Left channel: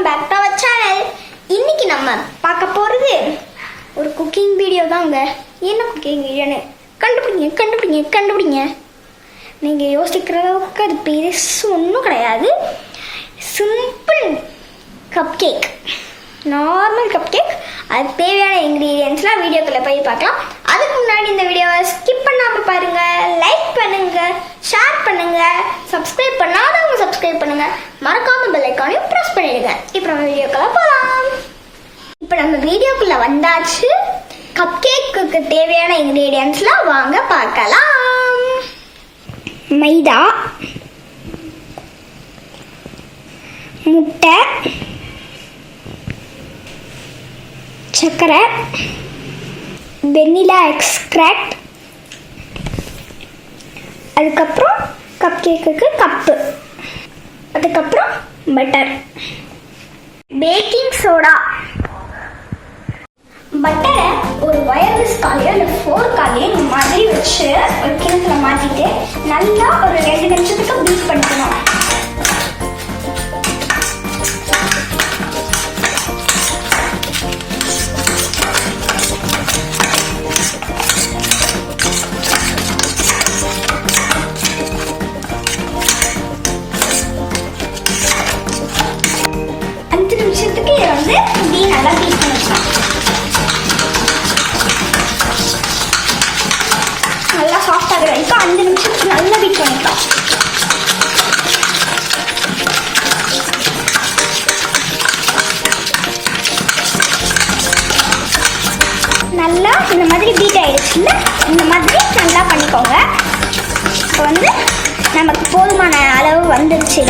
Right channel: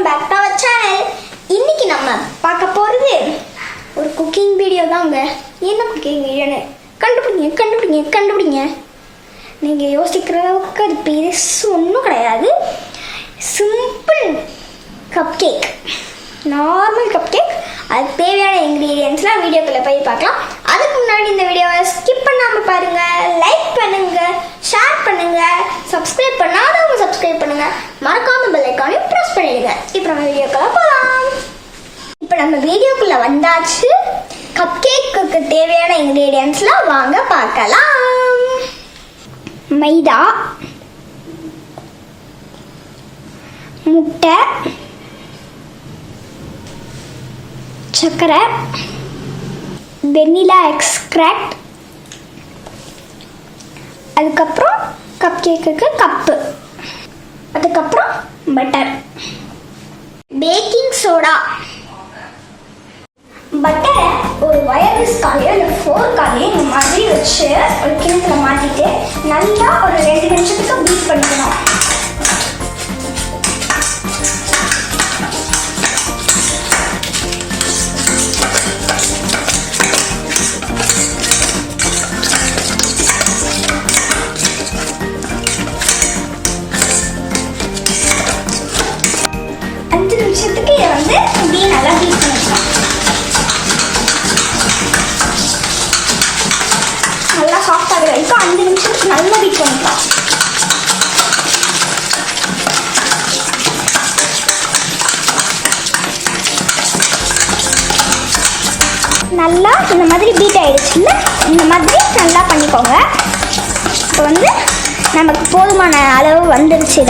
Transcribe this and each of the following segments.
Welcome back to our channel. இன்னைக்கு நம்ம பார்க்க போகிறது ஒரு குக்கிங் வீடியோ தாங்க. என்ன குக்கிங் வீடியோன்னு கண்டுபிடிங்க. நீங்கள் யோசிக்கிற அளவுக்கு அது பெருசு ஒன்றும் கிடையாது. Simple cup cake, normal cup cake. அதுக்கு தேவையான இன்க்ரீடியன்ஸ்லாம் வீடியோக்குள்ளே போய் பார்க்கலாம். அதுக்கு முன்னாடி இந்த வீடியோவை ஸ்கிப் பண்ணாமல் பாருங்கள், லைக் பண்ணுங்கள், ஷேர் பண்ணுங்கள், சப்ஸ்கிரைப் பண்ணாதவங்க சப்ஸ்கிரைப் பண்ணுங்கள், மறக்காமல் பெல் ஐக்கானையும் ப்ரெஸ் பண்ணிடுங்க. இப்போ நம்ம வீடியோக்குள்ளே போகலாம். இப்போ நம்ம வீடியோக்குள்ளே வந்தாச்சு. கப் கேக்குக்கு தேவையான இன்க்ரீடியன்ஸ்லாம் வாங்க பார்க்கலாம். மைதா, முட்டை, சர்க்கரை, வெண்ணிலா எக்ஸ்ட்ராக்ட், அதுக்கப்புறம் கப் கேக்குக்கு கப்பு, அதுக்கப்புறம் பட்டர், பேக்கிங் சோடா. பட்டரை ஒரு வயர்லெஸ் காலையோ இல்லை ஃபோர்க்காலையோ இந்த மாதிரி வச்சு ஒரு கிணத்துல மாற்றிட்டு நல்லா ஒரு 2 நிமிஷத்துக்கு பீட் பண்ணிக்கணும். நிமிஷத்துக்கு இதை வந்து இப்படியே நல்லா பீட் பண்ணிக்கலாம். நல்லா சாஃப்ட் ஆகிற வரைக்கும் 5 நிமிஷத்துக்கு நல்லா பீட் பண்ணிக்கலாம். நல்லா இந்த மாதிரி பீட் ஆயிடுச்சுன்னா இந்த மாதிரி நல்லா பண்ணிக்கோங்க. இப்போ வந்து நமக்கு போதுமான அளவு வந்துருச்சு.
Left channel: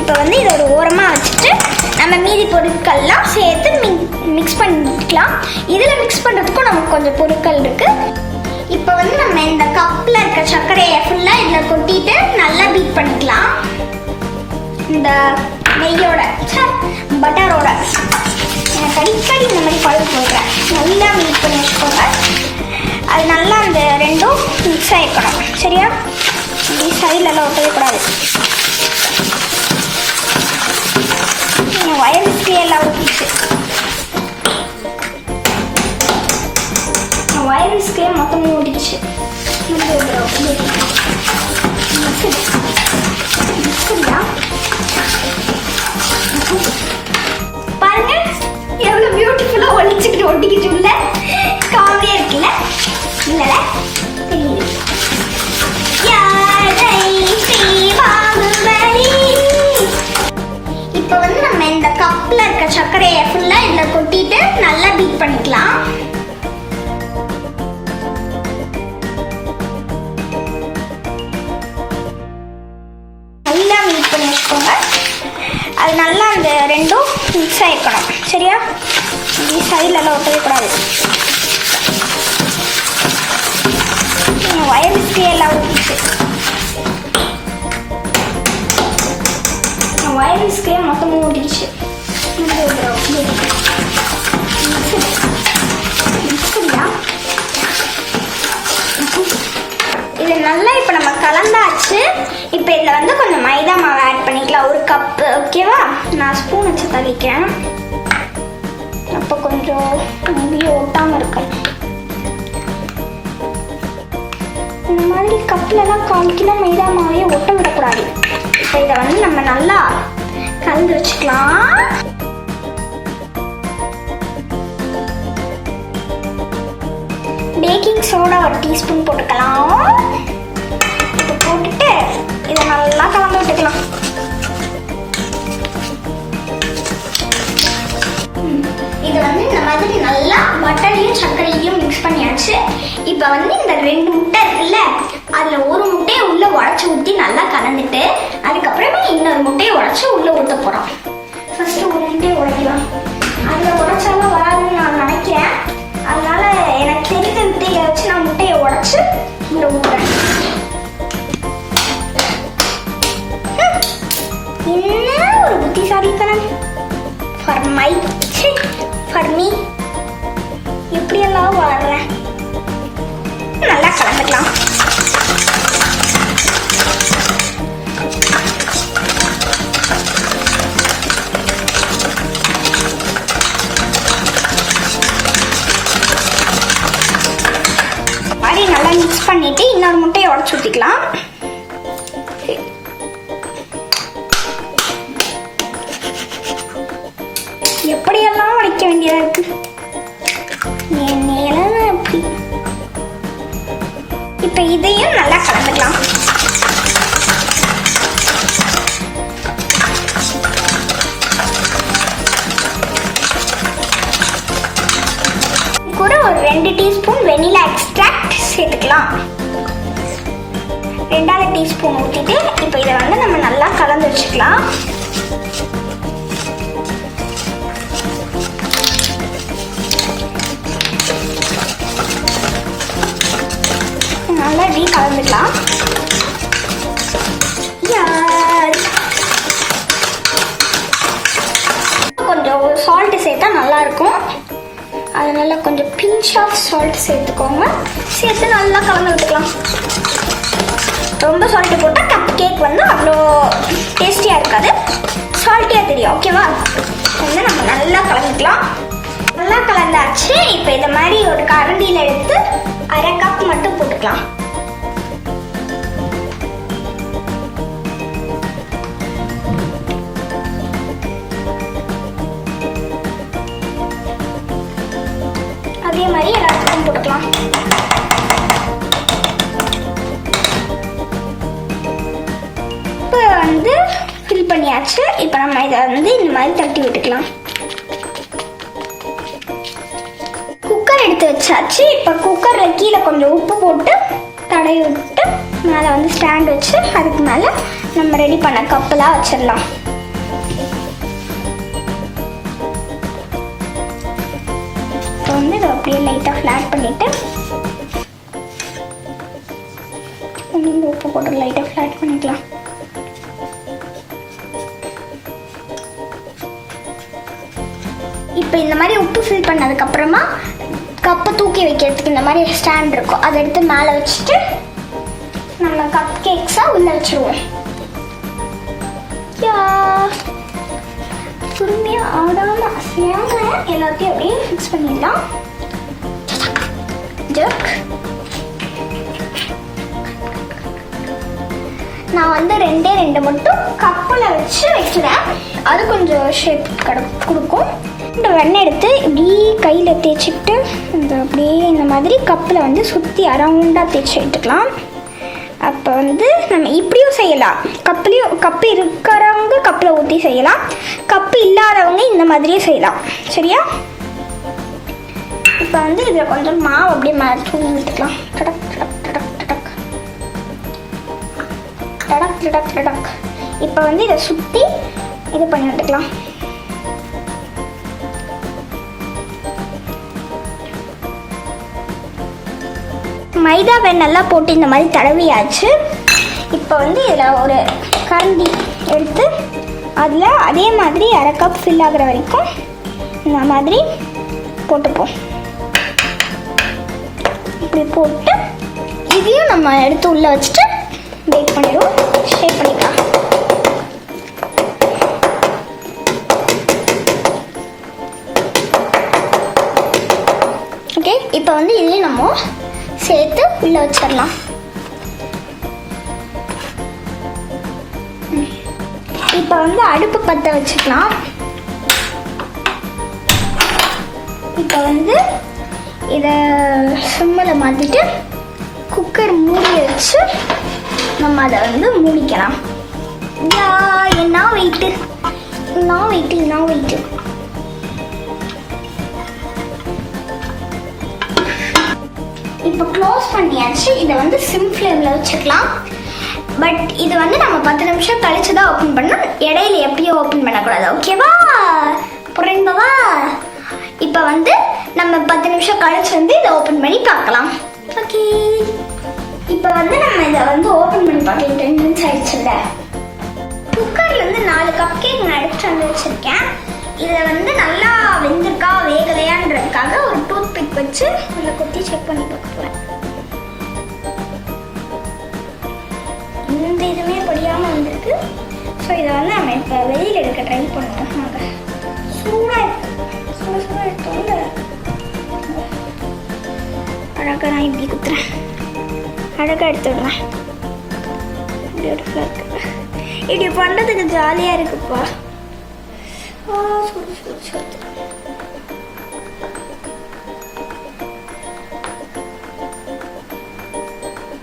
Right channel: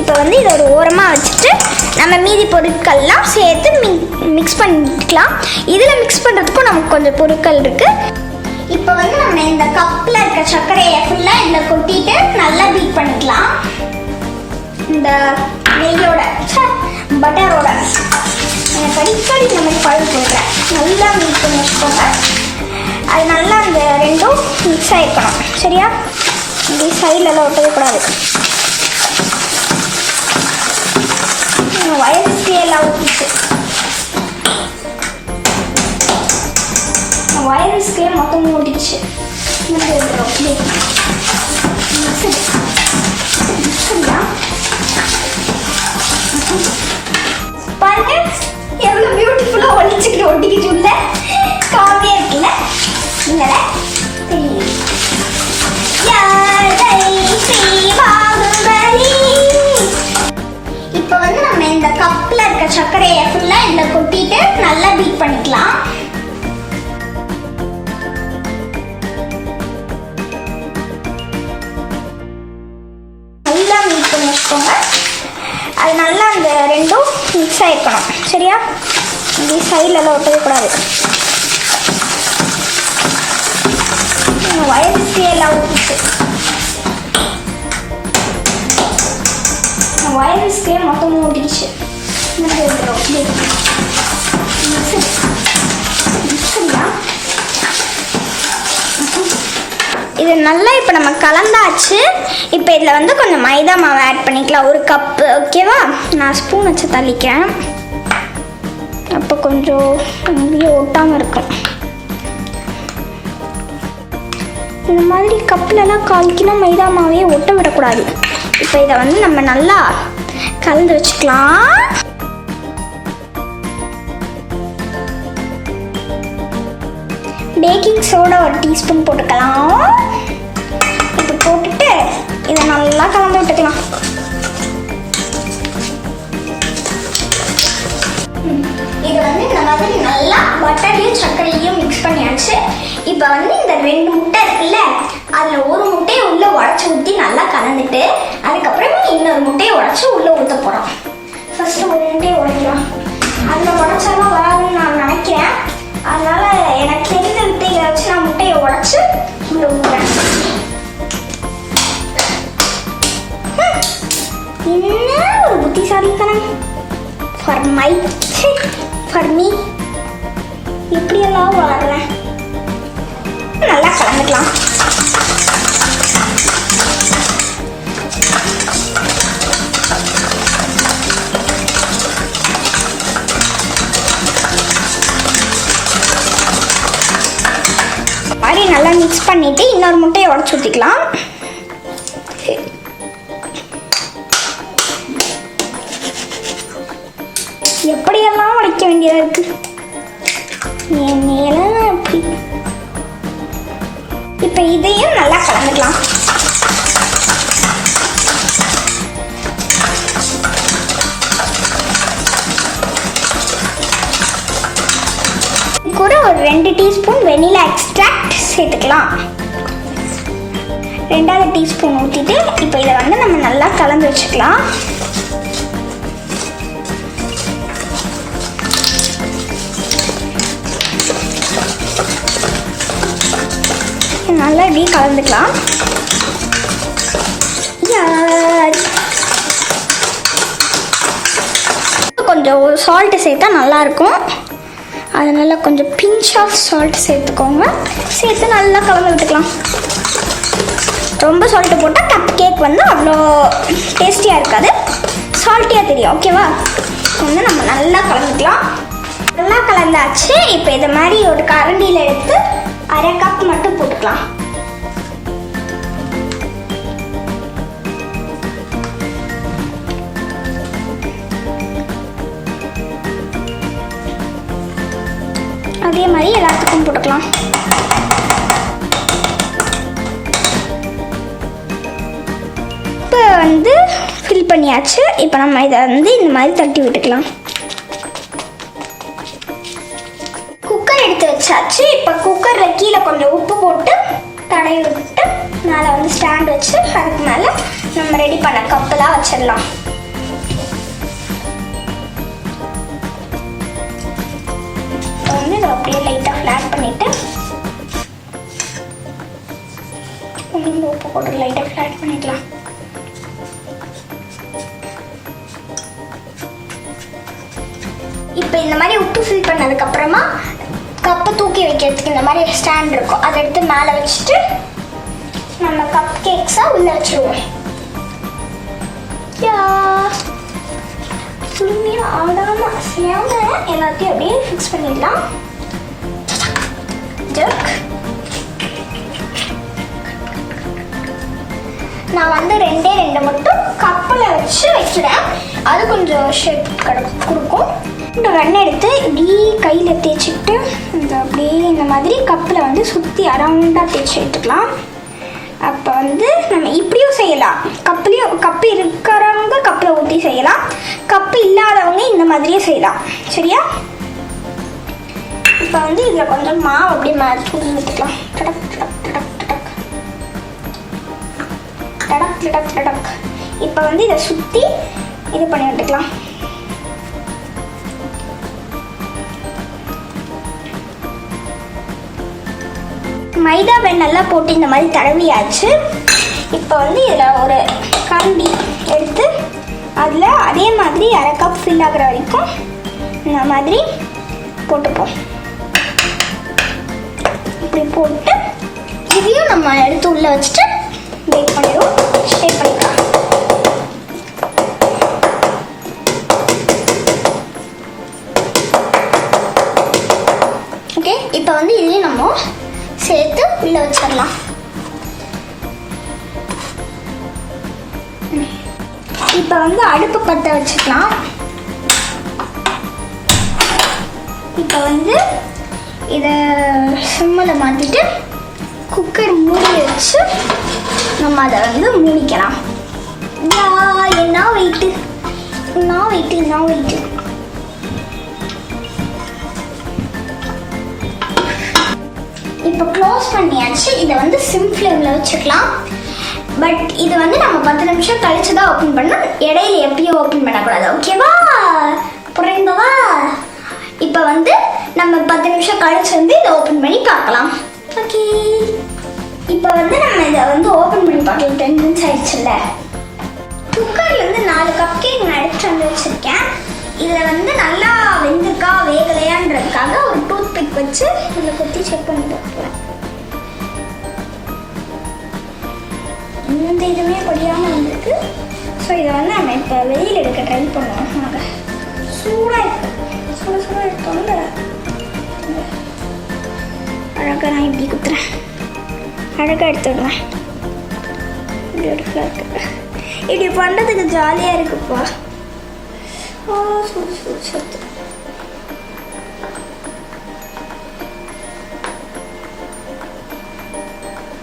இப்போ வந்து இதை ஒரு ஓரமாக வச்சுட்டு நம்ம மீதி பொருட்கள்லாம் சேர்த்து மிக்ஸ் பண்ணிக்கலாம். இதில் மிக்ஸ் பண்ணுறதுக்கும் நமக்கு கொஞ்சம் பொருட்கள் இருக்குது. இப்போ வந்து நம்ம இந்த கப்பில் இருக்க சர்க்கரையை ஃபுல்லாக இதில் கொட்டிட்டு நல்லா பீட் பண்ணிக்கலாம். இந்த நெய்யோட பட்டரோட எனக்கு அடிக்கடி இந்த மாதிரி பழகு போடுறேன். நல்லா பீட் பண்ணி வச்சுக்கோங்க. அது நல்லா அந்த ரெண்டும் மிக்ஸ் ஆகிருக்கணும். சரியா? இப்படி சைட்லலாம் ஒட்டக்கூடாது. வயர்ஸ்க்கு எல்லாம் ஊற்றிச்சு. வயர்ஸ்க்கே மொத்தமும் ஊட்டிச்சு. பாருங்க எவ்வளோ பியூட்டிஃபுல்லாக ஒழிச்சுக்கிட்டு ஒட்டிக்கிட்டு உள்ள காமெடியாக இருக்குல்ல? நீங்கள தெரியுது. இப்போ வந்து நம்ம இந்த கப்பில் இருக்க சர்க்கரையை ஃபுல்லாக இதில் கொட்டிட்டு நல்லா பீட் பண்ணிக்கலாம். நல்லா பீட் பண்ணி வச்சுக்கோங்க. அது நல்லா அந்த ரெண்டும் மிக்ஸ் ஆகிருக்கணும். சரியா? இப்படி சைட்லலாம் ஒட்டக்கூடாது. வயர்ஸ்க்கே எல்லாம் ஊற்றிச்சு. வயர்ஸ்க்கே மொத்தமும் ஊட்டிடுச்சு. இது நல்லா இப்போ நம்ம கலந்தாச்சு. இப்போ இதில் வந்து கொஞ்சம் மைதா மாவு ஆட் பண்ணிக்கலாம். 1 கப்பு. ஓகேவா? நான் ஸ்பூன் வச்சு தள்ளிக்கிறேன். அப்போ கொஞ்சம் அப்படியே ஒட்டாமல் இருக்கும். இந்த மாதிரி கப்பிலலாம் 1/4 கிலோ மைதா மாவையே ஒட்ட விடக்கூடாது. இப்போ இதை வந்து நம்ம நல்லா கலந்து வச்சுக்கலாம். பேக்கிங் சோடா 1 டீஸ்பூன் போட்டுக்கலாம். இது போட்டுட்டு இதை நல்லா கலந்து விட்டுக்கலாம். இது வந்து இந்த மாதிரி நல்லா பட்டரையும் சர்க்கரையும் மிக்ஸ் பண்ணியாச்சு. இப்போ வந்து இந்த 2 முட்டை இருக்குல்ல, அதில் 1 முட்டையை உள்ளே உடச்சி ஊற்றி நல்லா கலந்துட்டு அதுக்கப்புறமே இன்னொரு முட்டையை உடச்சி உள்ளே ஊற்ற போகிறோம். ஃபஸ்ட்டு 1 முட்டையை உடைக்கலாம். அதில் உடச்சாலும் வராதுன்னு நான் நினைக்கிறேன். அதனால் எனக்கு தெரிந்த முட்டையை வச்சு நான் முட்டையை உடச்சி உள்ளே ஊற்றுறேன். என்ன ஒரு புத்திசாலித்தனம்! ஃபார் மீ எப்படியெல்லாம் வர்றேன். நல்லா கலந்துக்கலாம். முட்டையை உடச்சி ஊற்றிக்கலாம். எப்படியெல்லாம் உடைக்க வேண்டியதாக இருக்கு. இப்போ இதையும் நல்லா கலந்துக்கலாம். கூட ஒரு 2 டீஸ்பூன் வெனிலா எக்ஸ்ட்ராக்ட் சேர்த்துக்கலாம். 2வது டீஸ்பூன் ஊற்றிட்டு இப்போ இதை வந்து நம்ம நல்லா கலந்து வச்சுக்கலாம். நல்லா இப்படி கலந்துக்கலாம். கொஞ்சம் சால்ட்டு சேர்த்தா நல்லாயிருக்கும். அதனால கொஞ்சம் பிஞ்ச் ஆஃப் சால்ட் சேர்த்துக்கோங்க. சேர்த்து நல்லா கலந்து விட்டுக்கலாம். ரொம்ப சால்ட்டு போட்டால் கப் கேக் வந்து அவ்வளோ டேஸ்டியாக இருக்காது, சால்ட்டியாக தெரியும். ஓகேவா? வந்து நம்ம நல்லா கலந்துக்கலாம். நல்லா கலந்தாச்சு. இப்போ இதை மாதிரி ஒரு கரண்டியில் எடுத்து 1/2 கப் மட்டும் போட்டுக்கலாம். அதே மாதிரி எல்லாத்துக்கும் போட்டுக்கலாம். இப்போ வந்து ஃபில் பண்ணியாச்சு. இப்போ நம்ம இதை வந்து இந்த மாதிரி தட்டி விட்டுக்கலாம். குக்கர் எடுத்து வச்சாச்சு. இப்போ குக்கரில் கீழே கொஞ்சம் உப்பு போட்டு தடவி விட்டு மேலே வந்து ஸ்டாண்ட் வச்சு அதுக்கு மேலே நம்ம ரெடி பண்ண கப்பெல்லாம் வச்சிடலாம். வந்து இதை அப்படியே லைட்டாக ஃப்ளாட் பண்ணிவிட்டு உப்பு போட்டு லைட்டாக ஃப்ளாட் பண்ணிக்கலாம். இப்போ இந்த மாதிரி உப்பு ஃபில் பண்ணதுக்கப்புறமா கப்பை தூக்கி வைக்கிறதுக்கு இந்த மாதிரி ஸ்டாண்ட் இருக்கும். அதை எடுத்து மேலே வச்சுட்டு நம்ம கப் கேக்ஸாக உள்ளே வச்சுருவோம். பொறுமையாக ஆடாமல் அசையாமல் எல்லாத்தையும் அப்படியே ஃபிக்ஸ் பண்ணிடலாம். ஜர்க். நான் வந்து 2 மட்டும் கப்பில் வச்சு வைக்கிறேன். அது கொஞ்சம் ஷேப் கொடுக்கும். வெண்ணெய் எடுத்து இப்படி கையில் தேய்ச்சிட்டு இந்த அப்படியே இந்த மாதிரி கப்பில் வந்து சுற்றி அரவுண்டாக தேய்ச்சி எடுத்துக்கலாம். அப்போ வந்து நம்ம இப்படியும் செய்யலாம். கப்பு இருக்கிறவங்க கப்பில் ஊற்றி செய்யலாம். கப்பு இல்லாதவங்க இந்த மாதிரியே செய்யலாம். சரியா? இப்போ வந்து இதில் கொஞ்சம் மாவு அப்படியே மேலே தூவி விட்டுக்கலாம். டடக் டடக் டடக் டடக் டடக் டடக் டடக். இப்போ வந்து இதை சுற்றி இது பண்ணி விட்டுக்கலாம். மைதா வெண்ணெல்லாம் போட்டு இந்த மாதிரி தடவியாச்சு. இப்போ வந்து இதில் ஒரு கரண்டி எடுத்து அதில் அதே மாதிரி 1/2 கப் ஃபில் ஆகிற வரைக்கும் இந்த மாதிரி போட்டுப்போம். இப்படி போட்டு இதையும் நம்ம எடுத்து உள்ளே வச்சுட்டு பேக் பண்ணிடுவோம். ஷேப் பண்ணிக்கலாம். ஓகே, இப்போ வந்து இதையும் நம்ம சேர்த்து உள்ளே வச்சிடலாம். இப்போ வந்து அடுப்பு பற்ற வச்சுக்கலாம். இப்போ வந்து இதை சிம்மில் மாற்றிட்டு குக்கர் மூடி வச்சு நம்ம அதை வந்து மூடிக்கலாம். என்ன வெயிட்டு. இப்போ க்ளோஸ் பண்ணியாச்சு. இதை வந்து சிம் ஃப்ளேமில் வச்சுக்கலாம். பட் இது வந்து நம்ம 10 நிமிஷம் கழிச்சு தான் ஓப்பன் பண்ணணும். இடையில எப்பயும் ஓப்பன் பண்ணக்கூடாது. ஓகேவா? புரிந்தவா? இப்போ வந்து நம்ம 10 நிமிஷம் கழிச்சு வந்து இதை ஓப்பன் பண்ணி பார்க்கலாம். ஓகே, இப்போ வந்து நம்ம இதை வந்து ஓப்பன் பண்ணி பார்க்கலாம். 10 மினிட்ஸ் ஆயிடுச்சுல்ல. குக்கர்லேருந்து 4 கப் கேக் நான் எடுத்துட்டு வந்து வச்சுருக்கேன். இதில் வந்து நல்லா வெந்திருக்கா வேகலையான்றதுக்காக ஒரு டூத் பிக் வச்சு அதில் குத்தி செக் பண்ணி பார்க்கலாம். இந்த இதுவுமே படியாமல் வந்திருக்கு. ஸோ இதை வந்து நம்ம இப்போ வெளியில் எடுக்க ட்ரை பண்ணுவோம். நாங்கள் சூடாக எடுத்தோம்ல அழகாக நான் இப்படி குத்துறேன். அழகாக எடுத்துடுவேன். பியூட்டிஃபுல்லாக இருக்கு. இப்படி பண்ணுறதுக்கு ஜாலியாக இருக்குப்பா. ஓ சூடு சூடு சூடு.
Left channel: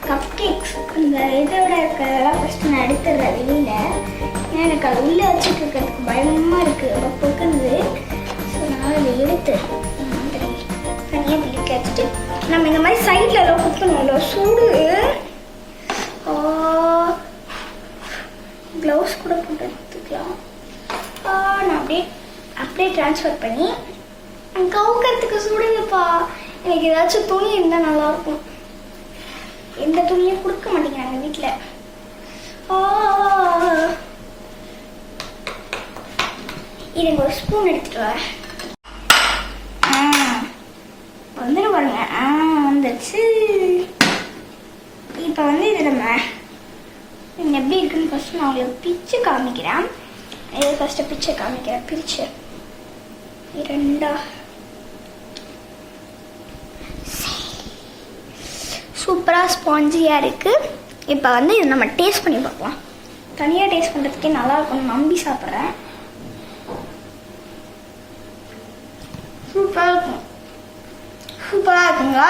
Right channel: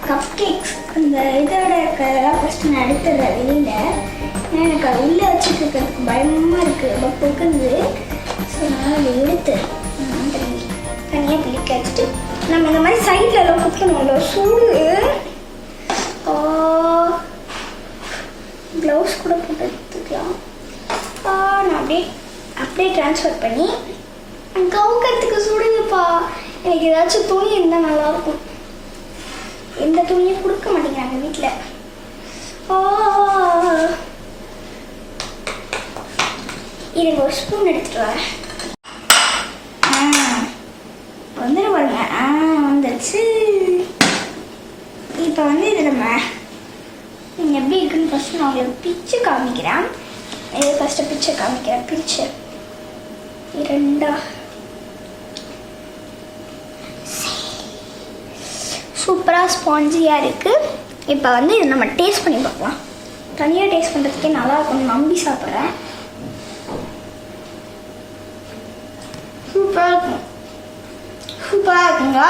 கப் கேக்ஸ் அந்த இதோட இருக்கிறதெல்லாம் ஃபஸ்ட்டு நான் எடுத்துடுறேன் வெளியில். ஏன்னா எனக்கு அது உள்ளே வச்சுட்டு இருக்கிறதுக்கு பயமாக இருக்குது, ரொம்ப பொக்குது. ஸோ அதனால் இதை எடுத்து தனியாக பிடிக்க வச்சுட்டு நம்ம இந்த மாதிரி சைடில் எல்லாம் குத்தணும்ல, சூடு. க்ளவுஸ் கூட போட்டு எடுத்துக்கலாம். நான் அப்படியே ட்ரான்ஸ்ஃபர் பண்ணி கவுக்கிறதுக்கு சுடுங்கப்பா. எனக்கு ஏதாச்சும் துணி இருந்தால் நல்லாயிருக்கும். எந்த துணியும் கொடுக்க மாட்டேங்கிறாங்க வீட்டில். இதுங்க ஒரு ஸ்பூன் எடுத்துட்டு வரேன். வந்துடும் பாருங்க. வந்துடுச்சு. இப்போ வந்து இது நம்ம எப்படி இருக்குன்னு ஃபஸ்ட்டு நான் உங்களுக்கு பிச்சு காமிக்கிறேன். இது ஃபஸ்ட்டு பிச்சை காமிக்கிறேன். பிரிச்சு இரண்டா சூப்பராக ஸ்பாஞ்சியாக இருக்குது. இப்போ வந்து இது நம்ம டேஸ்ட் பண்ணி பார்க்கலாம். தனியாக டேஸ்ட் பண்ணுறதுக்கே நல்லா இருக்கும்னு நம்பி சாப்பிட்றேன். சூப்பராக இருக்கும். சூப்பராக இருக்குங்க.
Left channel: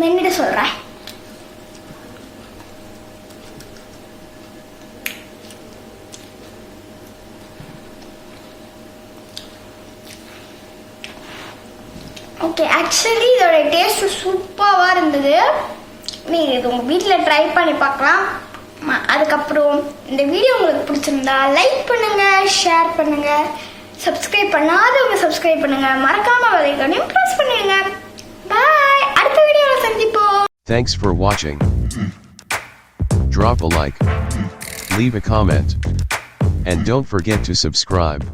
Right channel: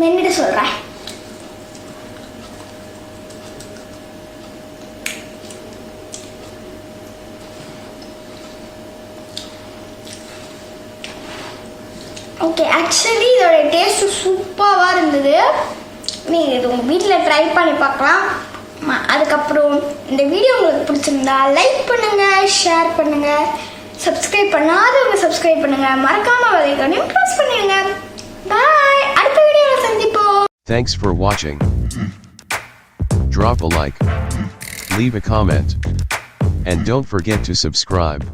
மென்னுட்டு சொல்கிறேன். ஓகே, ஆக்சுவலி இதோட டேஸ்ட்டு சூப்பராக இருந்தது. நீங்கள் இது உங்கள் வீட்டில் ட்ரை பண்ணி பார்க்கலாம். அதுக்கப்புறம் இந்த வீடியோ உங்களுக்கு பிடிச்சிருந்தா லைக் பண்ணுங்கள், ஷேர் பண்ணுங்கள், சப்ஸ்கிரைப் பண்ணாதவங்க சப்ஸ்கிரைப் பண்ணுங்கள், மறக்காமல் வலைக்கனையும் ப்ரெஸ் பண்ணுங்க. பாய், அடுத்த வீடியோவில் சந்திப்போம். Thanks for watching. Drop a like, leave a comment, and don't forget to subscribe.